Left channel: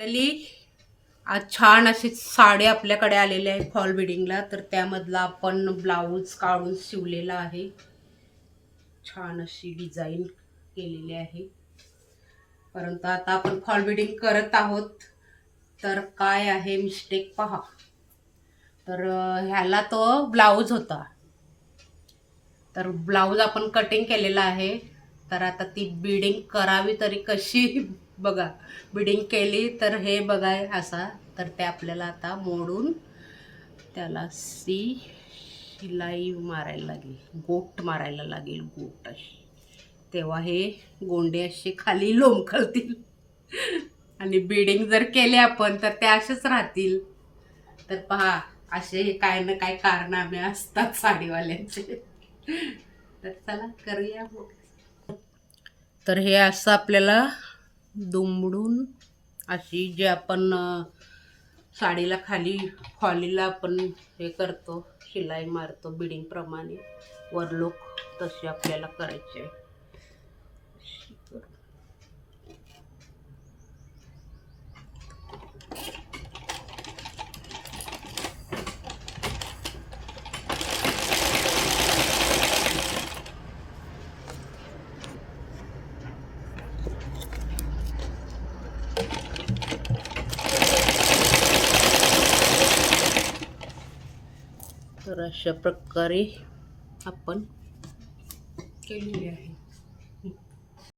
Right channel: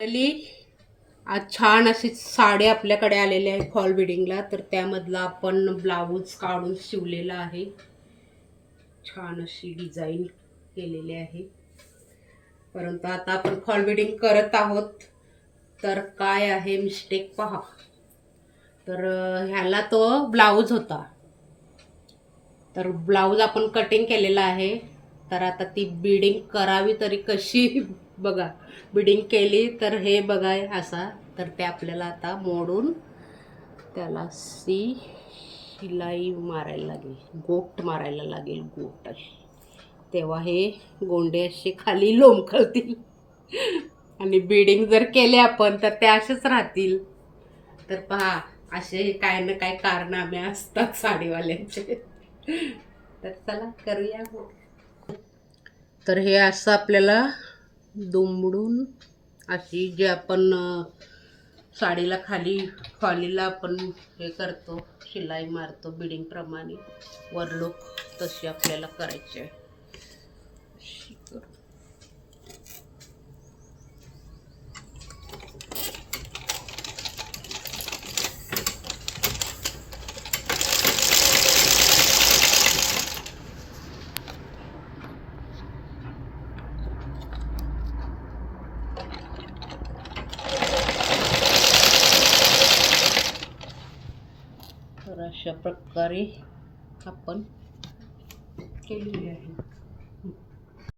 Finally आज छान अशी साडी आपल्याकडे आलेली आहे फॉल बिडिंगला. तर त्यामधला आपण ब्लाऊज काढून शिवलेला आहे. छान अशी डिझाईन केलेली आहे. परंतु आता आपण फॉल बिडिंग करत आहोत. तर काय आहे मिस्टेक पहा. तर ह्याला तो ब्लाऊज होता. तर ब्लाऊज आपण कटिंग केलेला आहे. तर आता ती बिडिंग करावी तरी कशी बघा. बिडिंग केली तर हे बघा असा. तर ते आपल्याला आता मोडून त्याला शिलाई मारायला लागेल, गोट मारायला लागेल, गोट अशी. तेव्हा हे गोंडे असे खाली लोंबकळतील. आणि बिडिंग जर केले आपण तर ते असेच राहतील. तर पहा असे काय ना काय कारनामे असतात साडीवाल्यांचे. तर चला करूया. तर हे असं आपल्याला दुमडून अशी जे आपण साडीला खाली फॉलीला आपण हे करतो, शिलाई मारतो बिडिंग प्रमाणे वरलोक, तशी आपल्याला करायची आहे. तर अशा प्रकारे आपण केलेली आहे.